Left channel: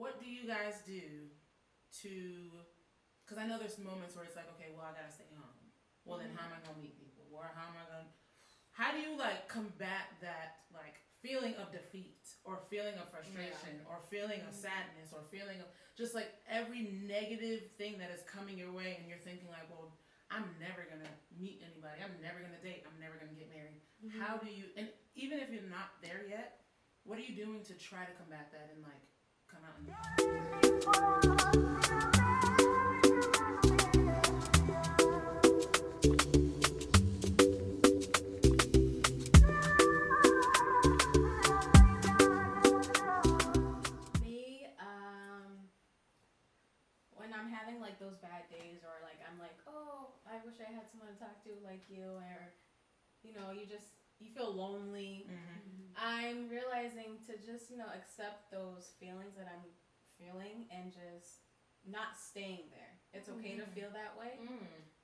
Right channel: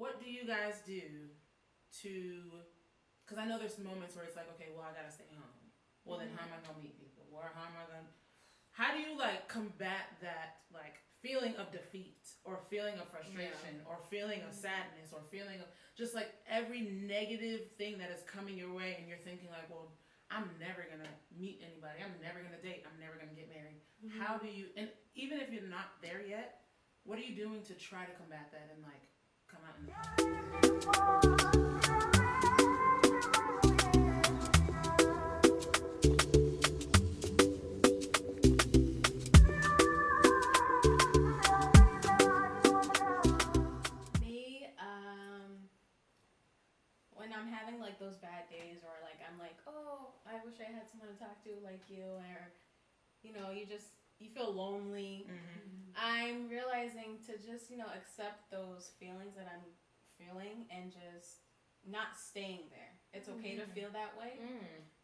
what do you guys do to? Because I know there's moments where it's like, okay, well, I gotta stay home. Well, then how am I gonna meet people? Or how am I gonna? How do you like combat that like feeling of defeat or feeling of frustration or feeling of sadness or feeling of just like every negative thing that is coming your way, and you're thinking like, well, I'm never gonna meet anybody. I'm never gonna date. I'm never gonna get married. How do you? And even if you're not there yet, what are you doing to try to combat that and like come out in the Me, when I'm having like those bad days, or like I'm like, oh, I wish I had someone to talk to like you, or you know, you feel lonely. I'm realizing to just, accept those feelings that I'm feeling and just not staying there. It's okay to feel that way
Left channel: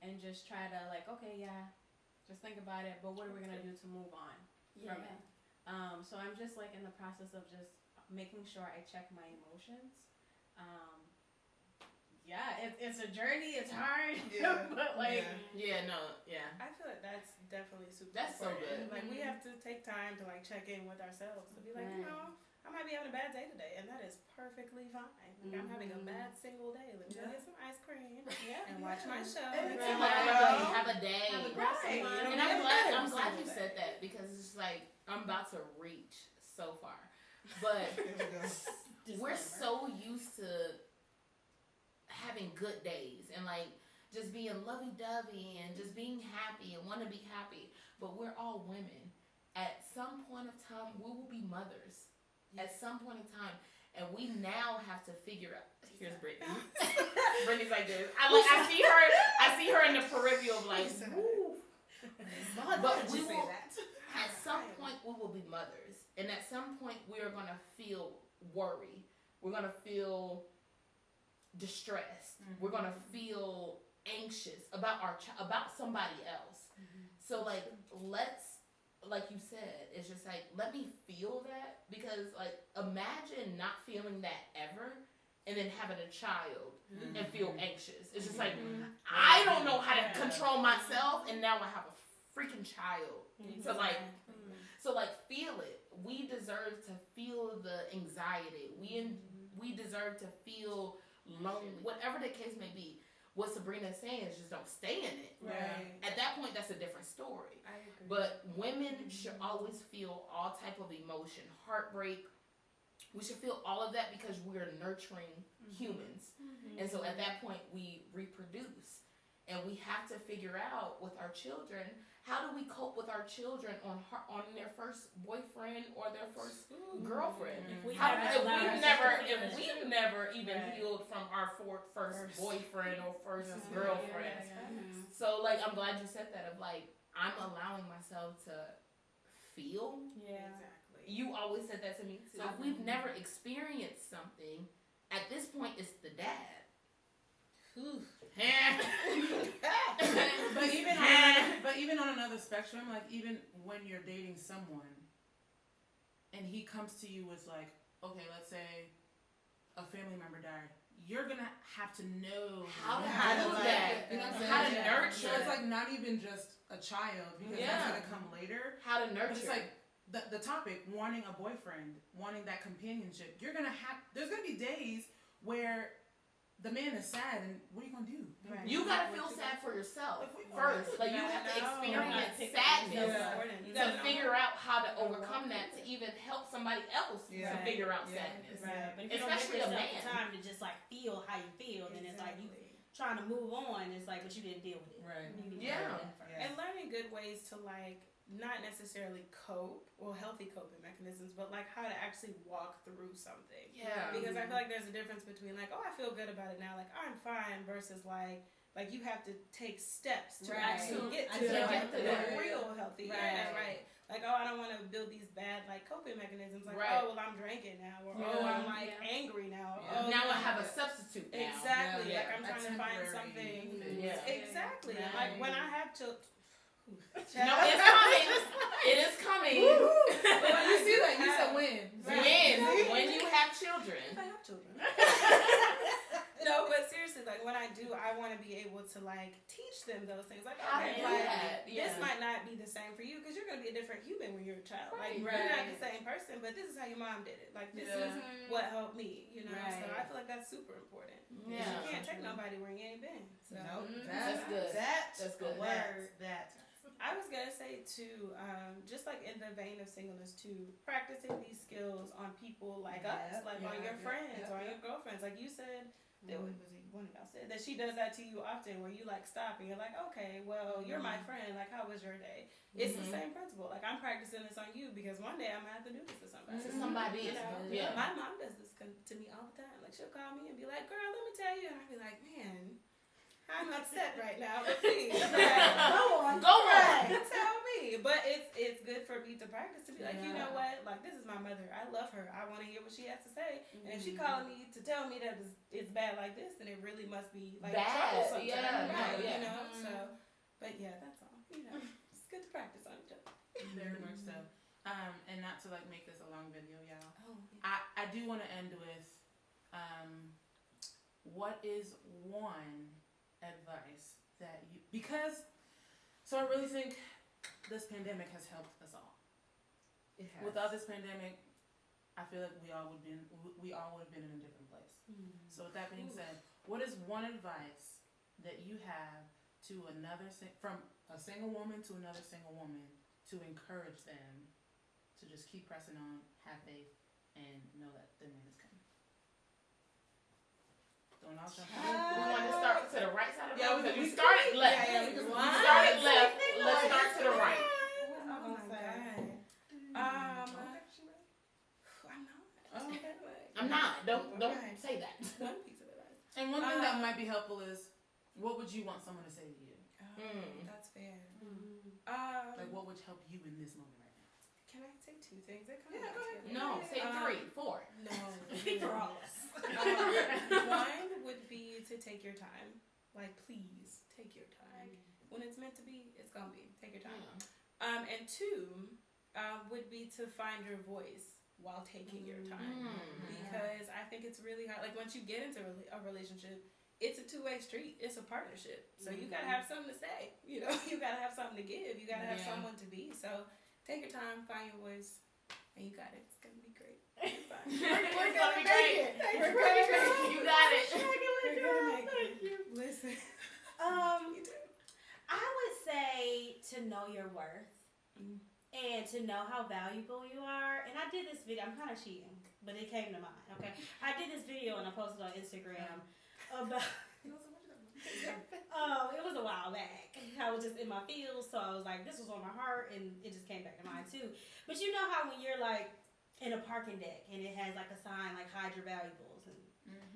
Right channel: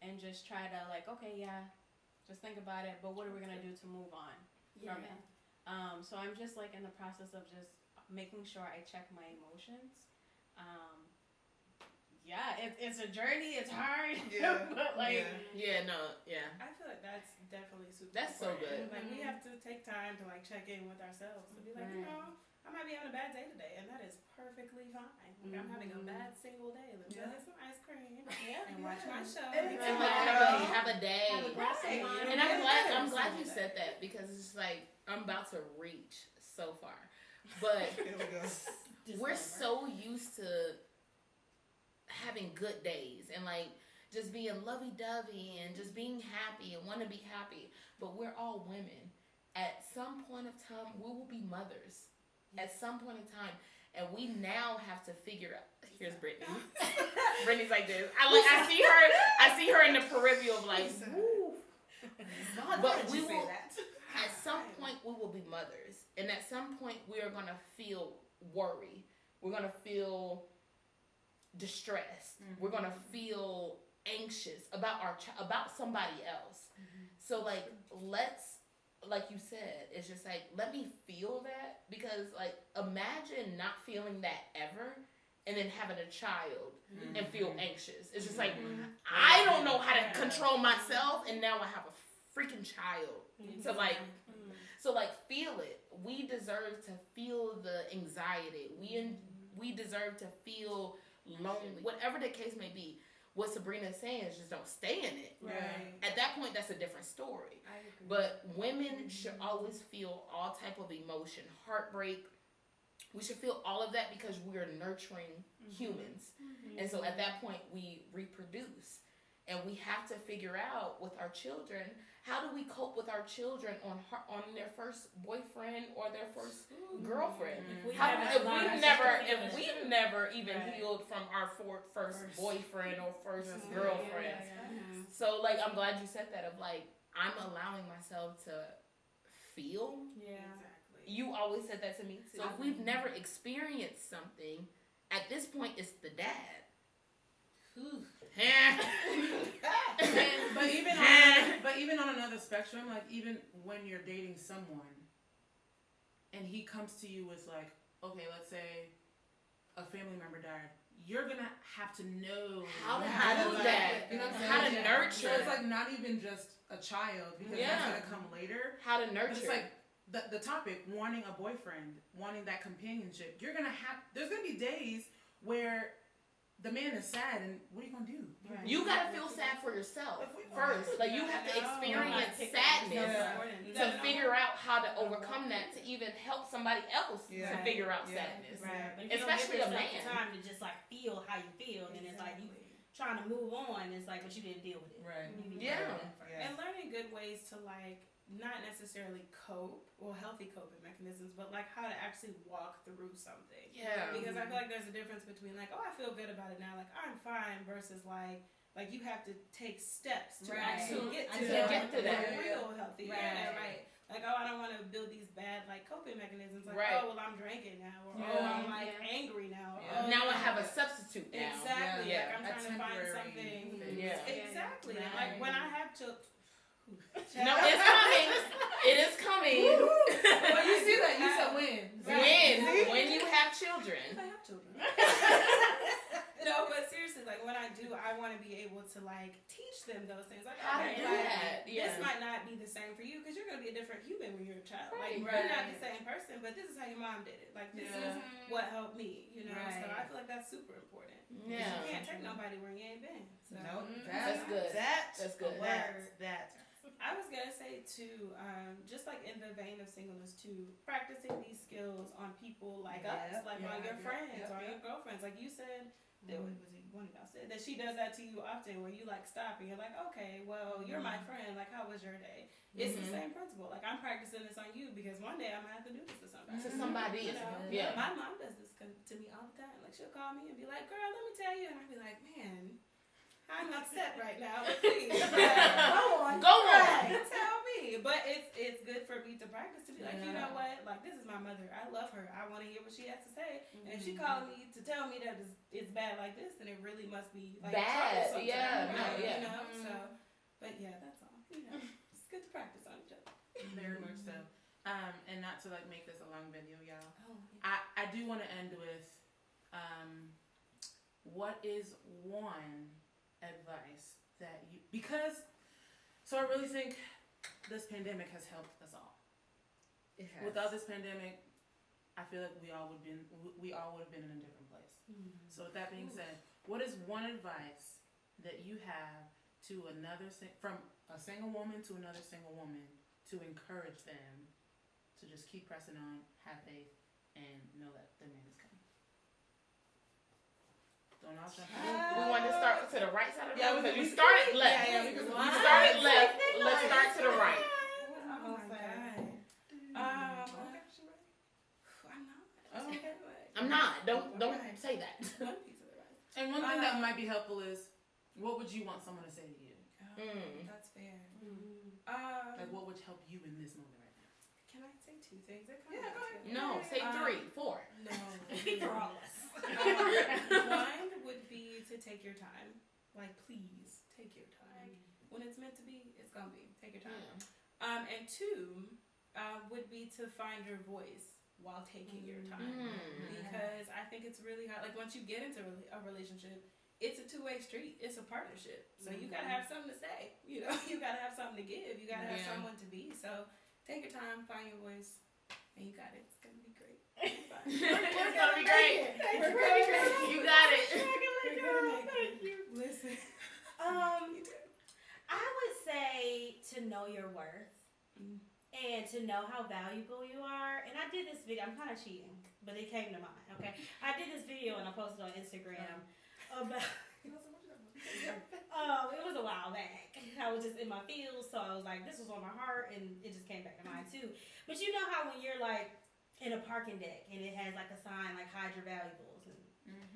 and just try to like, okay, yeah, just think about it, but what are we going to do to move on from it? So I'm just like in the process of just making sure I check my emotions. It's a journey. It's hard, but like, I feel like that's definitely super. That's important. so good. Like we have to take time to like check in with ourselves to be like, I might be having a bad day today, and that is perfectly fine. Like I'm having a bad single day. Let me go get some ice cream and watch my show. Exactly. Have a day. Have a glass of wine. And I'm glad you said that, because it's like I'm about to reach so far, but we're so used to having good days and like just being lovey-dovey and just being happy and want to be happy, but we're all women. At some point of time, we will be mothers. At some point in time, and we now have to figure out. Here's Brittany. Brittany's like this. I see her in the peripheral, like, woo. But we will. At some point, we will be mothers, and at some point, we are gonna feel worry. We're gonna feel distressed. We're gonna feel anxious about about somebody else. So like, like you said, it's just like, let me feel that, because like, imagine not feeling that ever and then having a child and feel anxious. It's just like, I don't know how to control myself, and now I have a freaking child. So like, feel it. We deserve to feel the anxiety. We deserve to feel lonely, whatever the case may be. What Sabrina's saying is just don't stay in it. Right. At that point, that's a different story. I agree. But women should always feel all type of emotion, heartbreak. We should feel all of that because we are nurturing humans. And so at that point, we reproduce. And we have to figure out with our children, how do we cope with our children on their first boyfriend or their first girlfriend? If we've never even healed from our first boyfriend or first girlfriend. So like, I'm glad you said that, of like, I'm allowing myself to feel. Yeah, exactly. You always said that to me too. So if we've never experienced something, at this point it's the dad. but even on another spectrum, like even when you're dating someone and he comes to you with like, okay, let's say a family member died, you're gonna have to know how to do that. You know what I'm saying? How to nurture. So it's like not even just a child, because that's gonna come later. How to nurture. But it's like the topic, wanting a boyfriend, wanting that companionship. There's gonna be days where the man is sad, and what are you gonna do? Right. You gotta feel sad for yourself first. Like you have to experience sadness to figure out how to overcome that, to even help somebody else to figure out sadness. Right. But if especially you don't a give yourself the time to just like feel how you feel, then it's like you trying to move on. It's like, but you didn't deal with it. Right. And learning good ways to like not necessarily cope or healthy coping mechanisms, but like how to actually walk through something. Yeah. Because I feel like there's a difference between like, oh, I feel good about it now, like I'm fine, versus like you have to take steps to actually get to that real healthy. Right. Like, oh, I don't want to build these bad like coping mechanisms. Like, oh, well, I'm drinking now, or oh, I'm like angry now. Oh, now I have a substitute now. Exactly. Like I'm trying to find something. Exactly. Like when I have No, it's coming. It is coming. When you see that, you said when. When you have children. I have children. No, but seriously, like when I do, I want to be able to like teach them those things. Like, how to okay, do like, that. Yeah. this might not be the same for you because you're going to be a different human when you're a child. Right. Like, you're not the same person, but this is how your mom did it. Like, this is what helped me, you know? So I feel like that's super important. Yeah. You can't take nobody where you ain't been. So. Nope. That's good. That's good. That. I was gonna say too, just like in the vein of singleness too, practicing these skills on people like us, like on your friends or your girlfriends. Like you said, one of y'all said that she does that to you often, where you like stop and you're like, okay, well, you're my friend. Like, how was your day? It's the same principle. Like, I'm practicing this on you because one day I might have to do this to somebody. To somebody, you know? Yeah. My mom does this to me all the time. Like, she'll call me and be like, "Girl, let me tell you," and I'll be like, "Man, I'm upset right now. But please, go on. Tell me." But it's good for me to practice to be like, you know what? Like, this is my mother. I love her. I want to hear what she has to say. And if she calling me to tell me that it's bad like this, then it really must be like bad. Right, Yeah. You know. So, but yeah, that's all. You know, it's good to practice on each other. Very much so. And not to like make this a long video, y'all. Oh, yeah. I do want to end with, what is one advice that you, because, so I really think this pandemic has helped us all. It has. Without this pandemic, I feel like we all would have been in a different place. So with that being said, what is one advice that you have to from a single woman to another single woman to encourage them to just keep pressing on, have faith, and know that their man is coming? Don't all jump in. We want to start to the right side of the room. we started left. we started left. Let's start to the right. Oh my God. I'm not. Okay. I'm not. Don't say that. One piece of advice. And one thing that might be helpful is, what would you want someone to say to you? That's fair. Like, what would help you in this moment right now? Can I say two things? Go ahead. No, say 3, 4. No. Speak for all of us. One would be to take your time. Like, please take your time. When it's meant to be, it's gonna be. Take your time. And 2 would be to find your voice while taking your time, because I think it's really hard. Like, once you get into a relationship, it's a two-way street. It's a partnership. So you gotta have something to say. You know, you gotta have something to give. You gotta have someone to be. So take your time, find your voice, and you got it. It's gonna be great. It's gonna be great. You got it. Thank you. Listen. I would say to know your worth and to know how valuable you are. And I did this video. I'm kind of cheating, but it came to mind. Okay, I did this video and I posted on Instagram about. It was a while back. I was just in my feels, so I was like, this was on my heart, and it just came back to mind too. But you know how when you're like in a parking deck and it has like a sign like hide your valuables, and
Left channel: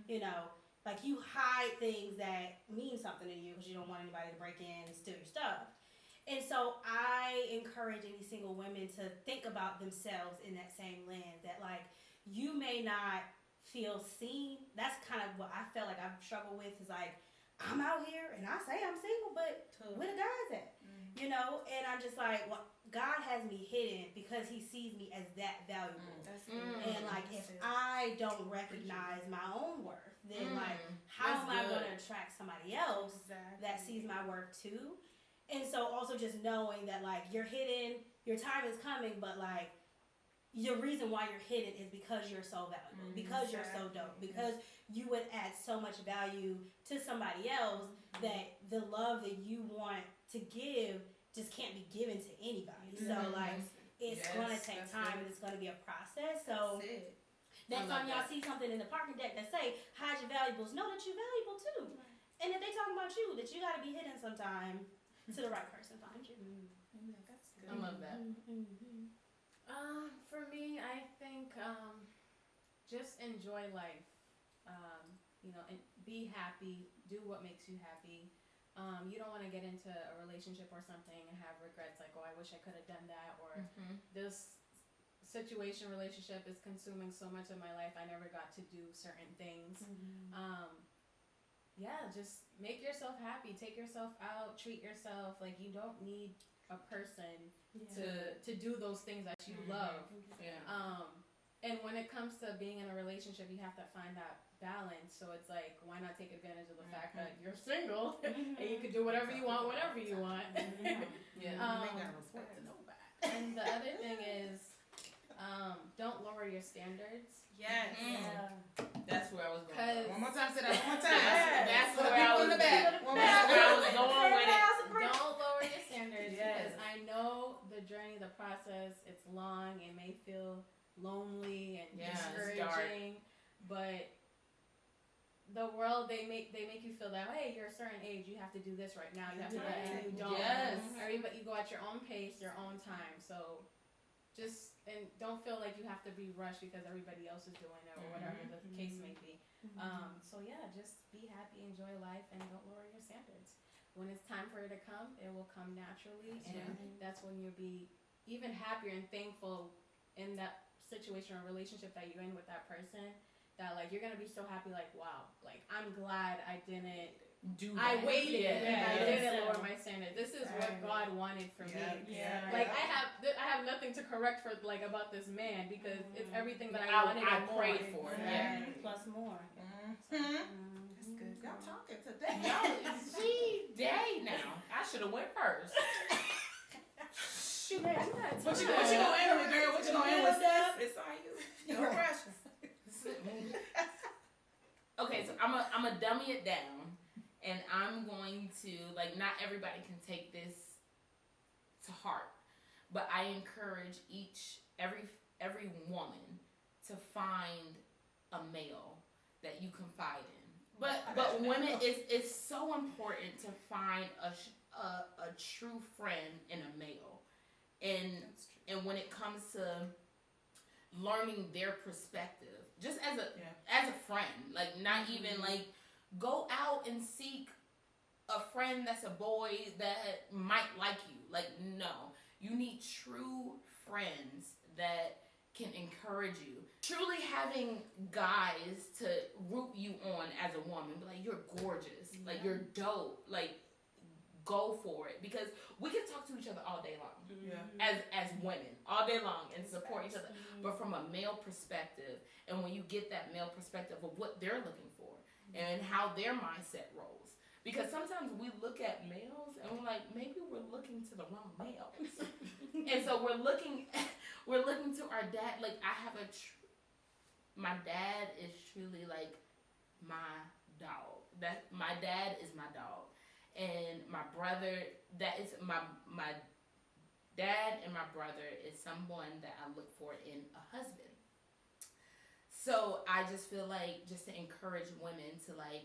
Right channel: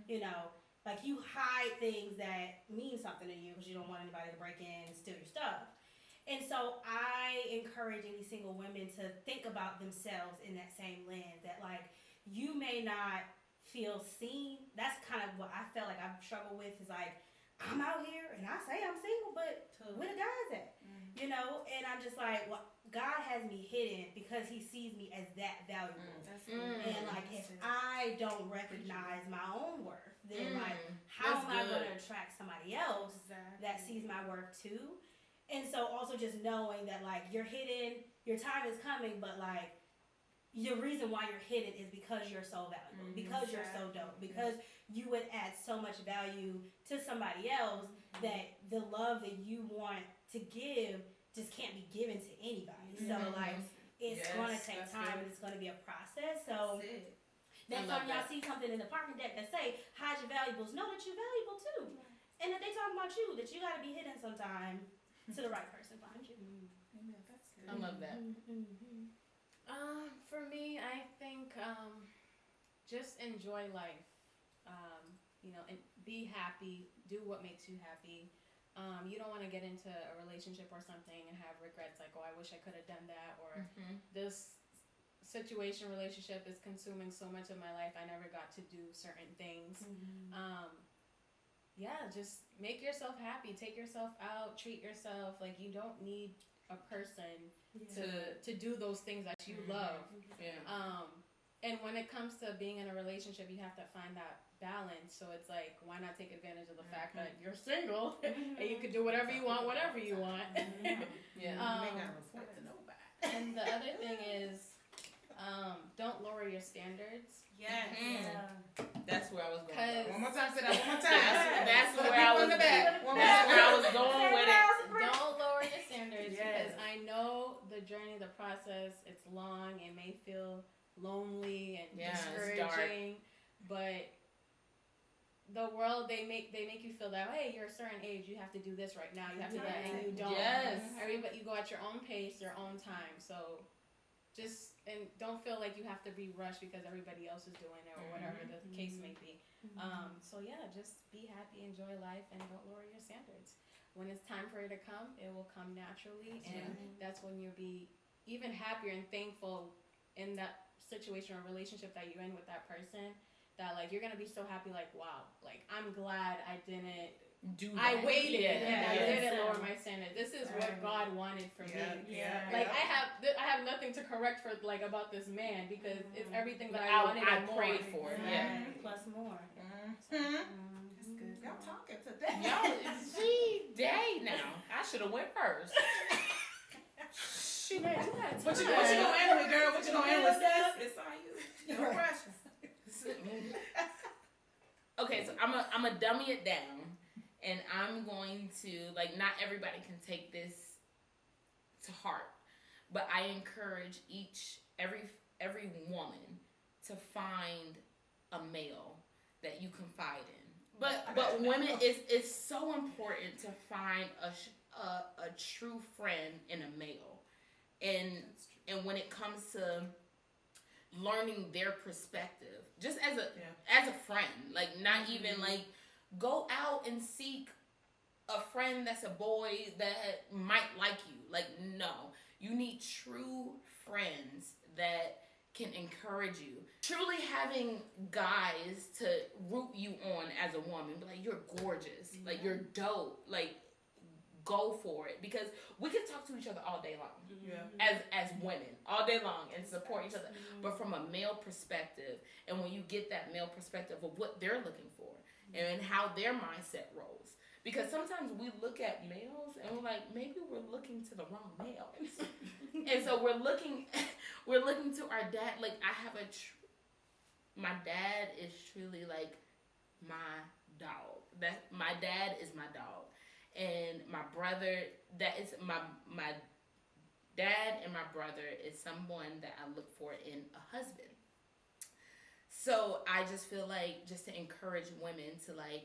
you know, like you hide things that mean something to you because you don't want anybody to break in and steal your stuff. And so I encourage any single women to think about themselves in that same lens, that like you may not feel seen. That's kind of what I felt like I've struggled with, is like, I'm out here and I say I'm single, but where the guys at? You know, and I'm just like, well, God has me hidden because he sees me as that valuable. And like, if I don't recognize my own worth, then like, how am I going to attract somebody else that sees my worth too? And so also just knowing that like you're hidden, your time is coming, but like the reason why you're hidden is because you're so valuable, because you're so dope, because you would add so much value to somebody else that the love that you want to give just can't be given to anybody. So like it's going to take time and it's going to be a process. So next time y'all see something in the parking deck that say hide your valuables, know that you're valuable too. And if they talking about you, that you got to be hidden sometime to the right person find you. That's good. I love that. For me, I think just enjoy life. You know, and be happy. Do what makes you happy. You don't want to get into a relationship or something and have regrets like, oh, I wish I could have done that, or this relationship is consuming so much of my life, I never got to do certain things. Just make yourself happy. Take yourself out. Treat yourself. Like, you don't need a person to do those things that you love. Yeah. And when it comes to being in a relationship, you have to find that balance. So it's like, why not take advantage of the fact that you're single and you can do whatever you want, whenever you want. Yeah. You ain't gotta report to nobody. And the other thing is, don't lower your standards. Yes. That's where I was going. One more time, say that one more time. That's for the where I people was in the back. One more That's time. where I was going with it. Don't lower your standards because I know the journey, the process, it's long. It may feel lonely and discouraging, but the world they make you feel that, hey, you're a certain age, you have to do this right now, you have to do that, and you don't. Everybody, you go at your own pace, your own time. So just, and don't feel like you have to be rushed because everybody else is doing it or whatever the case may be. So yeah, just be happy, enjoy life, and don't lower your standards. When it's time for it to come, it will come naturally, that's when you'll be even happier and thankful in that situation or relationship that you're in with that person, that like you're gonna be so happy, like, wow, like I'm glad I didn't do that. I waited and I didn't lower my standard. This is what God wanted for me. Like I have nothing to correct for like about this man because it's everything that I wanted and prayed for. Plus more. That's good. Y'all talking today. Y'all, day now. I should have went first. What you gonna end with, girl? What you gonna end with, Steph? It's all you. No pressure. Okay, so I'm a dummy it down, and I'm going to, like, not everybody can take this to heart, but I encourage every woman to find a male that you confide in. But women, it's so important to find a true friend in a male. And when it comes to learning their perspective, just as a friend, like not even like go out and seek a friend that's a boy that might like you. Like, no, you need true friends that can encourage you. Truly having guys to root you on as a woman, be like, you're gorgeous, like you're dope, like go for it, because we can talk to each other all day long as women all day long and support each other, but from a male perspective, and when you get that male perspective of what they're looking for and how their mindset rolls, because sometimes we look at males and we're like, maybe we're looking to the wrong male. And so we're looking to our dad. Like I have my dad is truly like my dog. That my dad is my dog. And my brother, that is my dad, and my brother is someone that I look for in a husband. So I just feel like, just to encourage women to like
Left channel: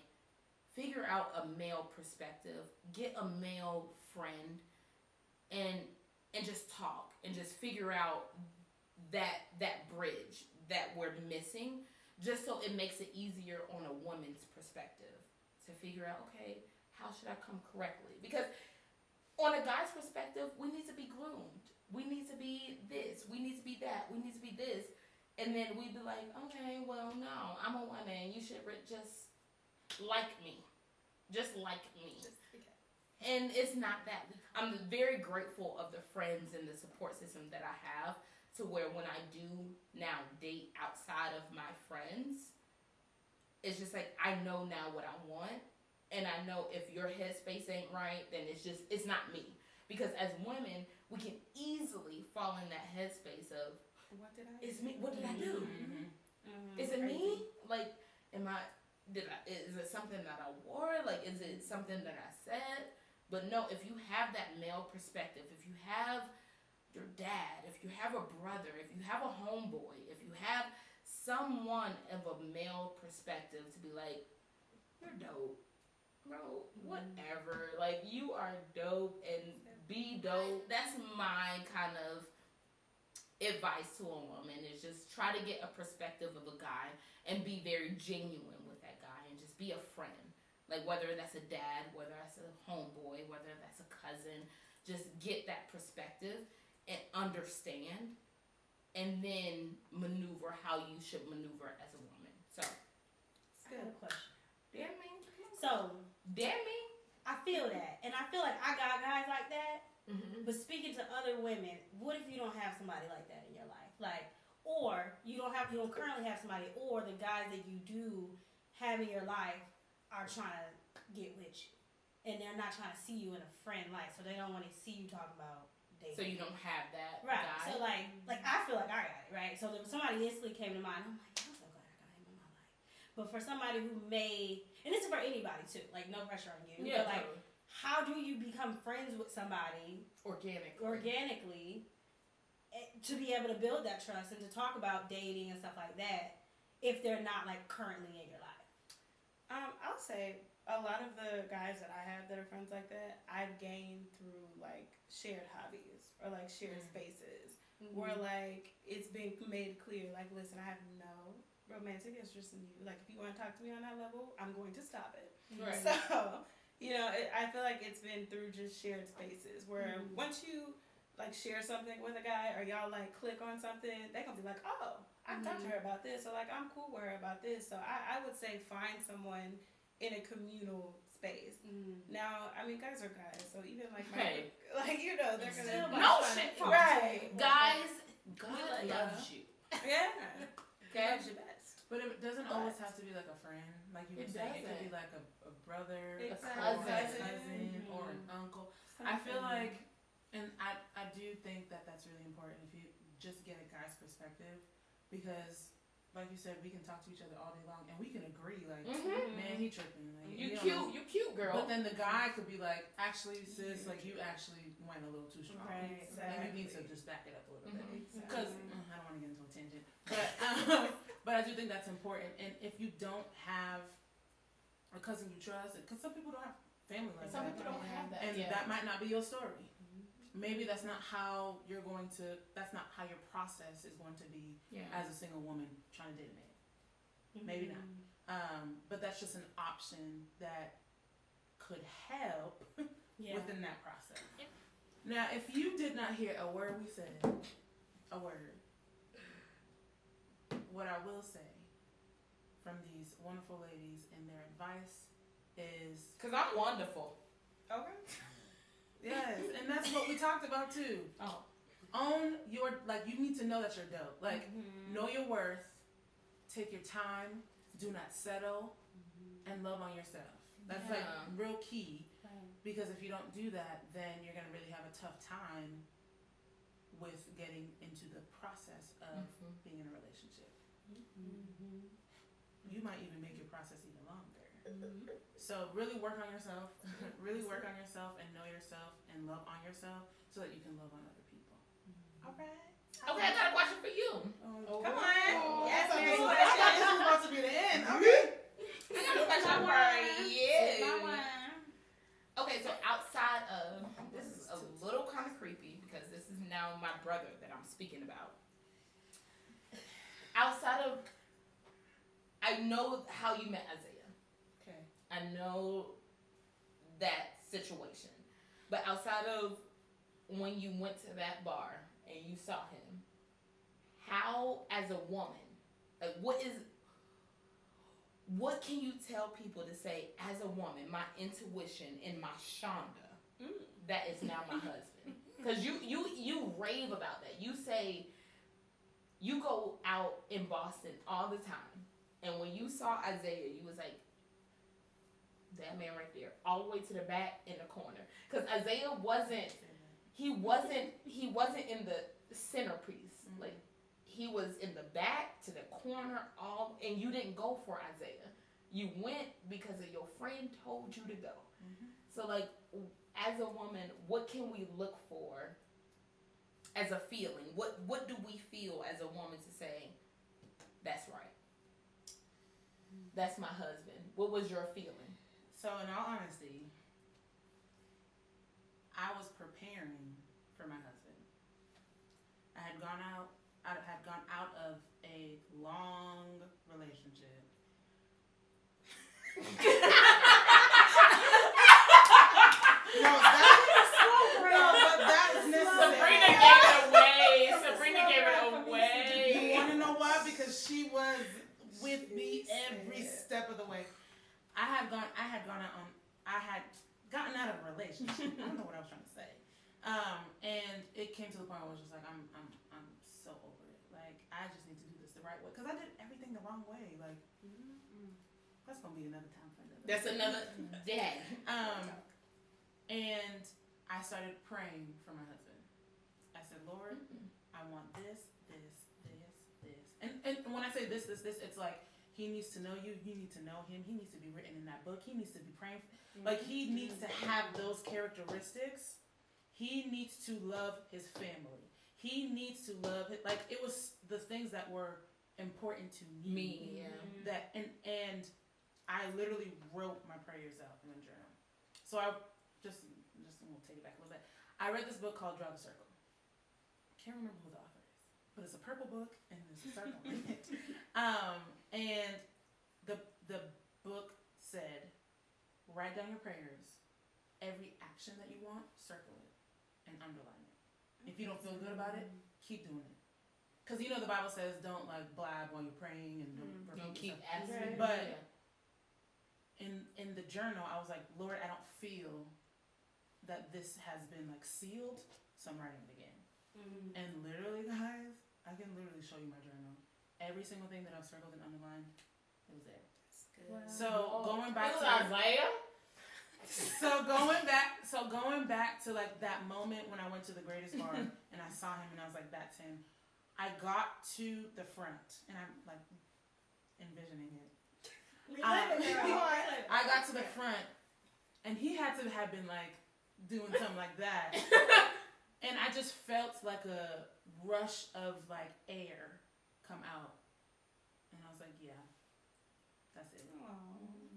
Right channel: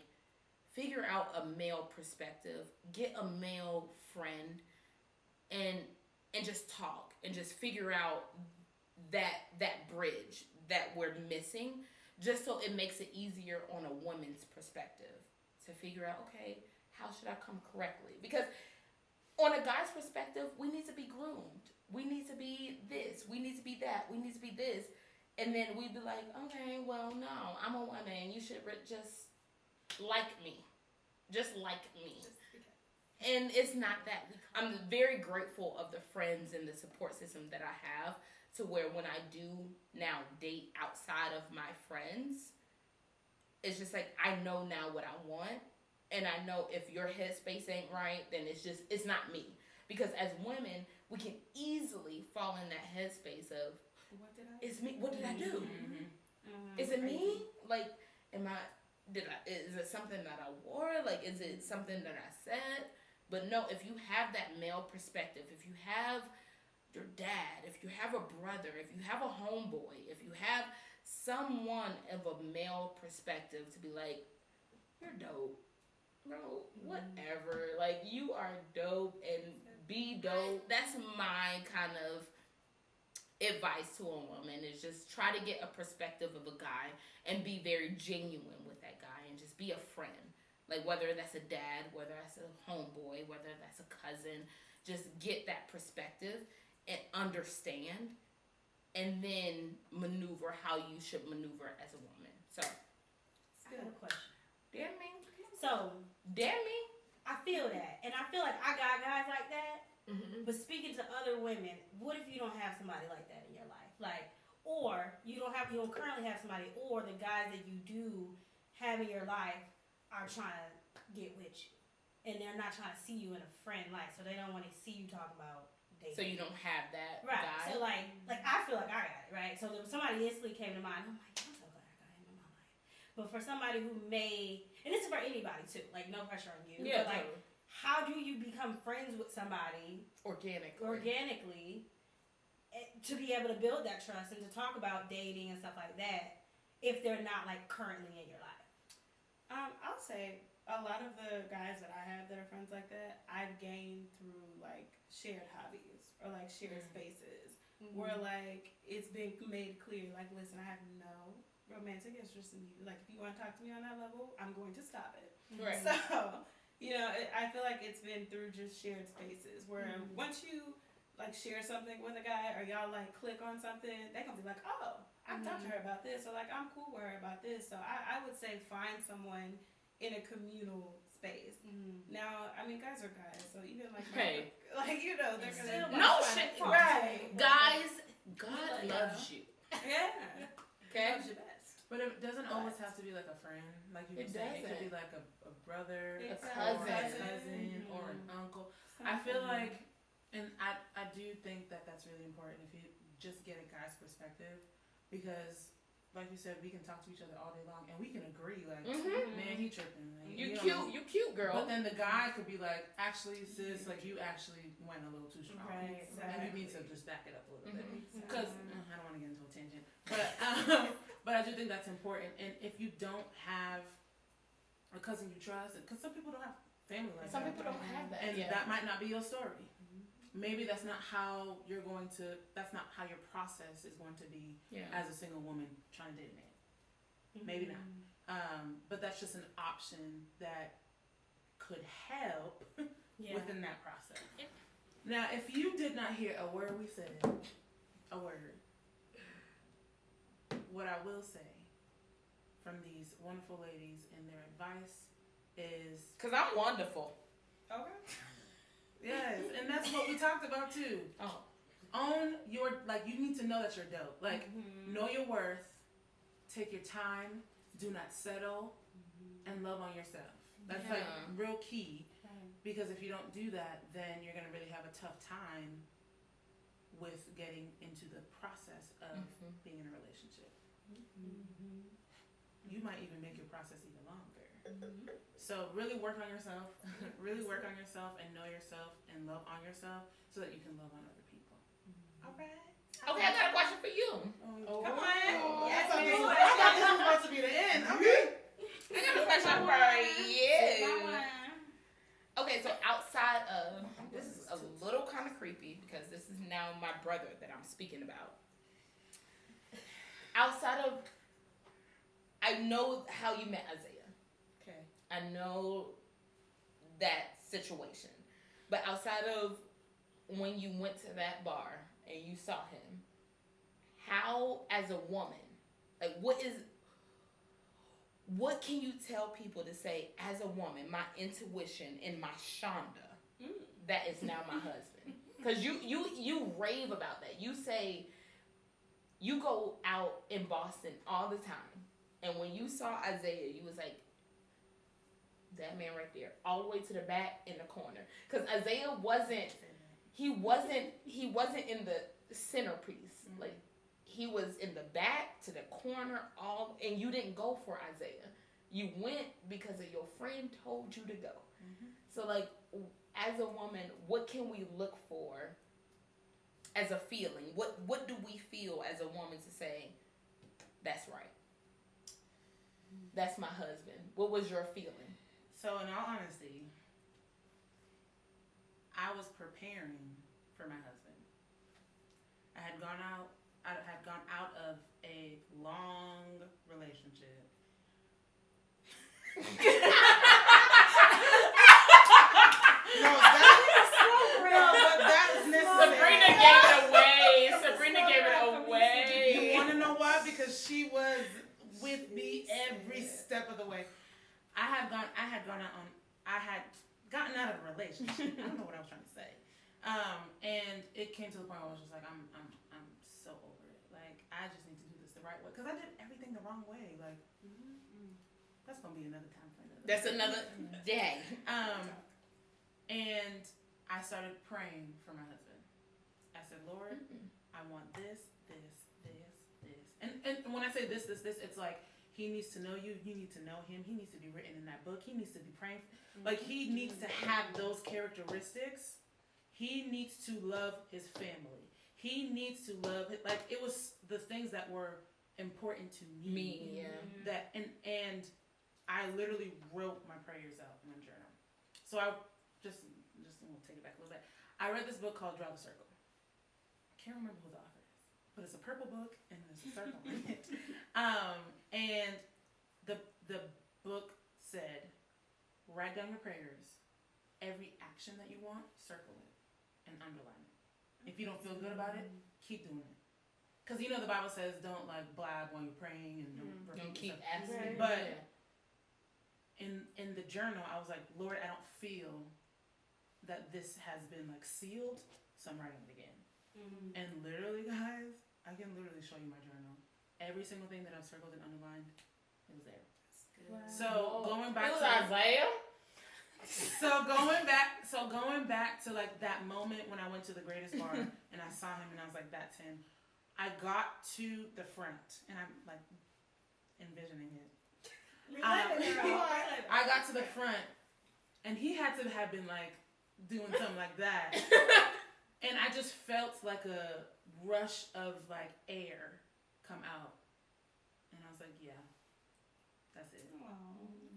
figure out a male perspective, get a male friend, and just talk and just figure out that bridge that we're missing, just so it makes it easier on a woman's perspective to figure out, okay, how should I come correctly? Because on a guy's perspective, we need to be groomed. We need to be this. We need to be that. We need to be this. And then we'd be like, okay, well, no, I'm a woman. You should just like me. Just like me. And it's not that. I'm very grateful of the friends and the support system that I have, to where when I do now date outside of my friends, it's just like, I know now what I want. And I know if your headspace ain't right, then it's not me. Because as women, we can easily fall in that headspace of, it's me. What did I do? Is it me? Like, is it something that I wore? Like, is it something that I said? But no, if you have that male perspective, if you have your dad, if you have a brother, if you have a homeboy, if you have someone of a male perspective to be like, you're dope. Bro, whatever. Like, you are dope and be dope. That's my kind of advice to a woman, is just try to get a perspective of a guy and be very genuine with that guy and just be a friend. Like, whether that's a dad, whether that's a homeboy, whether that's a cousin, just get that perspective and understand, and then maneuver how you should maneuver as a woman. So, I have a question. Damn me. So, damn me. I feel that, and I feel like I got guys like that. But speaking other women, what if you don't have somebody like that in your life? Like, or you don't currently have somebody, or the guys that you do have in your life are trying to get with you, and they're not trying to see you in a friend light, so they don't want to see you talk about dating. So you don't have that right? guy? So like I feel like I got it right. So there was somebody instantly came to mind. I'm like, I'm so glad I got him in my life. But for somebody who may, and this is for anybody too, like no pressure on you. Yeah, but like, totally. how do you become friends with somebody organically to be able to build that trust and to talk about dating and stuff like that if they're not like currently in your life? I'll say a lot of the guys that I have that are friends like that, I've gained through like shared hobbies or like shared spaces where like it's been made clear, like, listen, I have no romantic interest in you. Like, if you want to talk to me on that level, I'm going to stop it. Right. So, you know, I feel like it's been through just shared spaces where once you like share something with a guy or y'all like click on something, they're gonna be like, oh, I've talked to her about this, or like I'm cool with her about this. So I would say find someone in a communal space. Now, I mean, guys are guys, so even like like you know, they're gonna no shit, right? Guys, God loves you. Yeah, okay. Loves you best. But it doesn't always have to be like a friend, like you were saying. It could be like a brother, a cousin, or an uncle. I feel like, and I do think that that's really important if you just get a guy's perspective, because like you said, we can talk to each other all day long and we can agree, like, man, he tripping. Like, you cute, girl. But then the guy could be like, actually, sis, like, you actually went a little too strong. Right, exactly. And you need to just back it up a little bit. Because, I don't want to get into a tangent. But I do think that's important. And if you don't have a cousin you trust, because some people don't have family like that. Some people don't have that. And that might not be your story. Maybe that's not how that's not how your process is going to be as a single woman trying to date a man. Maybe not. But that's just an option that could help within that process. Now, if you did not hear a word we said, what I will say from these wonderful ladies and their advice is... Because I'm wonderful. Okay. Yes, and that's what we talked about too. Oh. Own your, like, you need to know that you're dope. Like, know your worth, take your time, do not settle, and love on yourself. That's like real key, because if you don't do that, then you're going to really have a tough time with getting into the process of being in a relationship. You might even make your process even longer. So really work on yourself, and know yourself and love on yourself so that you can love on other people. All right. Okay, I got a question for you. Oh, come on. I thought this was about to be the end. Okay. I got a question for you. Okay, so outside of, this is a little kind of creepy because this is now my brother that I'm speaking about. Outside of, I know how you met Isaiah. Okay. I know that situation. But outside of when you went to that bar and you saw him, how, as a woman, like, what can you tell people to say, as a woman, my intuition and my Shonda, that is now my husband? Because you rave about that. You say, you go out in Boston all the time. And when you saw Isaiah, you was like, that man right there, all the way to the back in the corner. Because Isaiah wasn't in the centerpiece. Like, he was in the back to the corner, and you didn't go for Isaiah. You went because of your friend told you to go. So, like, as a woman, what can we look for as a feeling? What do we feel as a woman to say, that's right? That's my husband. What was your feeling? So, in all honesty, I was preparing for my husband. I had gone out of a long relationship. But that's necessary. Sabrina gave it away. You want to know why? Because she was with me every step of the way. I had gotten out of a relationship. I don't know what I was trying to say. And it came to the point where I was just like, I'm so over it. Like, I just need to do this the right way. Because I did everything the wrong way. Like, that's going to be another time for another. That's another day. And I started praying for my husband. I said, Lord, I want this. And when I say this, it's like, he needs to know you. You need to know him. He needs to be written in that book. He needs to be praying. Like, he needs to have those characteristics. He needs to love his family. He needs to love it. Like, it was the things that were important to me. That and I literally wrote my prayers out in a journal. So I just we'll take it back a little bit. I read this book called Draw the Circle. Can't remember who the author is, but it's a purple book and there's a circle in it. And the book said, write down your prayers. Every action that you want, circle it and underline it. If you don't feel good about it, keep doing it. Because you know the Bible says don't like blab while you're praying and don't keep stuff. asking. But in the journal, I was like, Lord, I don't feel that this has been like sealed, so I'm writing it again. And literally, guys, I can literally show you my journal. Every single thing that I've circled and underlined, it was there. Wow. So going back to Isaiah. So going back to like that moment when I went to the Greatest Bar and I saw him and I was like, that's him. I got to the front and I'm like envisioning it. I got to the front and he had to have been like doing something like that. And I just felt like a rush of like air come out. And I was like, yeah, that's it.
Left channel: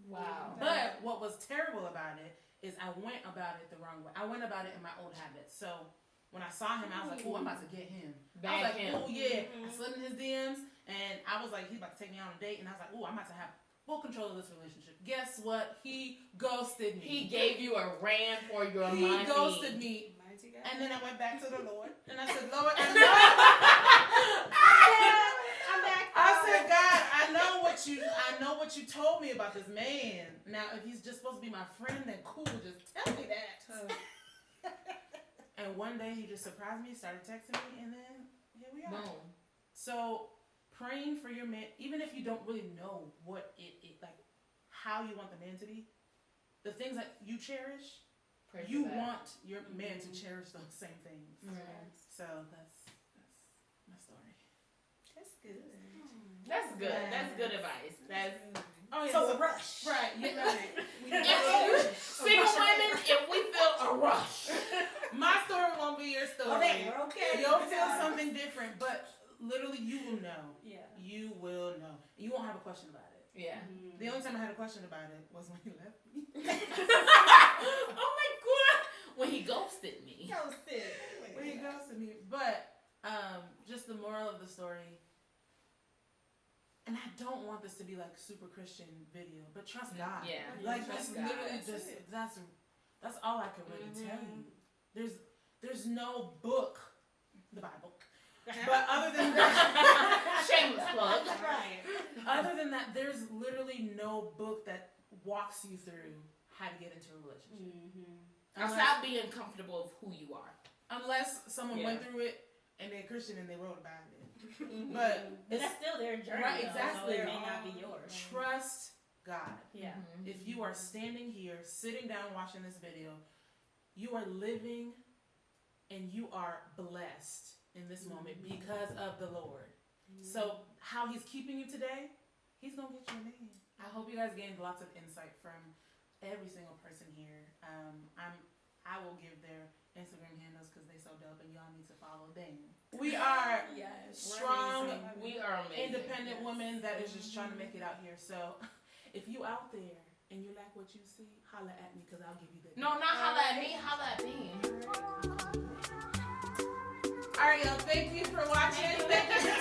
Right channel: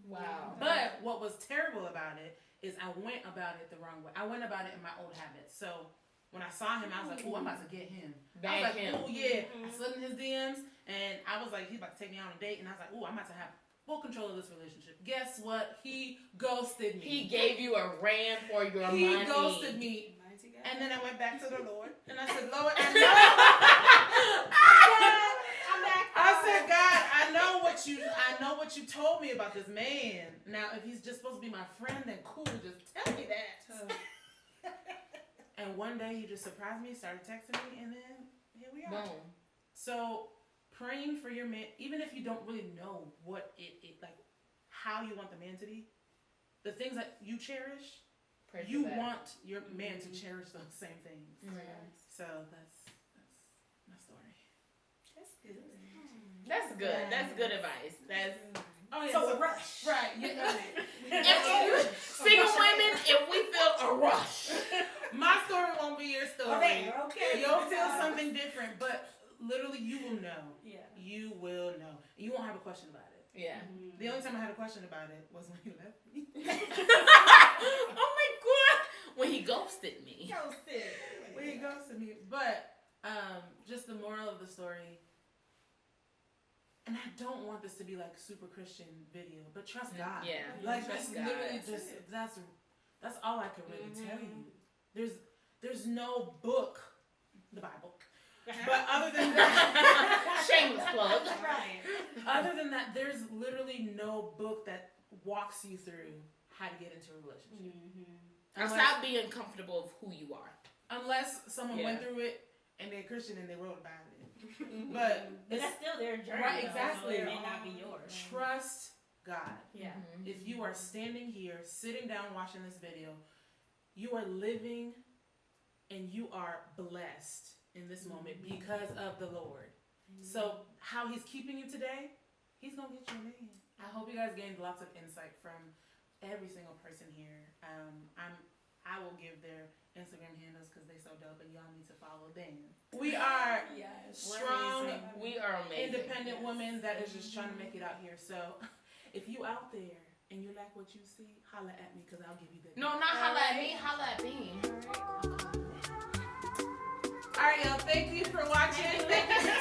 Wow. But what was terrible about it is I went about it the wrong way. I went about it in my old habits. So when I saw him, I was like, oh, I'm about to get him. I was like, oh, yeah. I slid in his DMs, and I was like, he's about to take me on a date. And I was like, oh, I'm about to have full control of this relationship. Guess what? He ghosted me. He gave you a ran for your money. He ghosted me. And then I went back to the Lord, and I said, Lord, I said, God, I know what you told me about this man. Now, if he's just supposed to be my friend, then cool, just tell me that. And one day he just surprised me, started texting me, and then here we are. Boom. So praying for your man, even if you don't really know what it like, how you want the man to be, the things that you cherish, you want your man to cherish those same things. So that's my story. That's good. That's good. That's good advice. That's So a rush. Right. Single women, if we feel a rush. My story won't be your story. Okay. You'll feel something different, but literally you will know. Yeah. You will know. You won't have a question about it. Yeah. The only time I had a question about it was when you left me. Oh my God. When he ghosted me. When he ghosted me. But just the moral of the story, and I don't want this to be like super Christian video, but trust God. Yeah. Like trust that's God. literally just that's all I can really tell you. There's no book, the Bible. But other than that, shameless plug. Right. Other than that, there's literally no book that walks you through how to get into a relationship. Without being comfortable of who you are. Unless someone went through it and they're Christian and they wrote about it. But that's still their journey. Right, exactly. So it may not be yours. Trust God. Yeah. If you are standing here, sitting down, watching this video, you are living and you are blessed in this moment because of the Lord. So how he's keeping you today, he's going to get you a man. I hope you guys gained lots of insight from every single person here. I will give their Instagram handles because they're so dope and y'all need to follow them. We are strong, we are amazing. Independent women that is just trying to make it out here. So if you out there and you like what you see, holla at me because I'll give you the No, not holla at me, holla at me. All right, y'all. Thank you for watching. Thank you.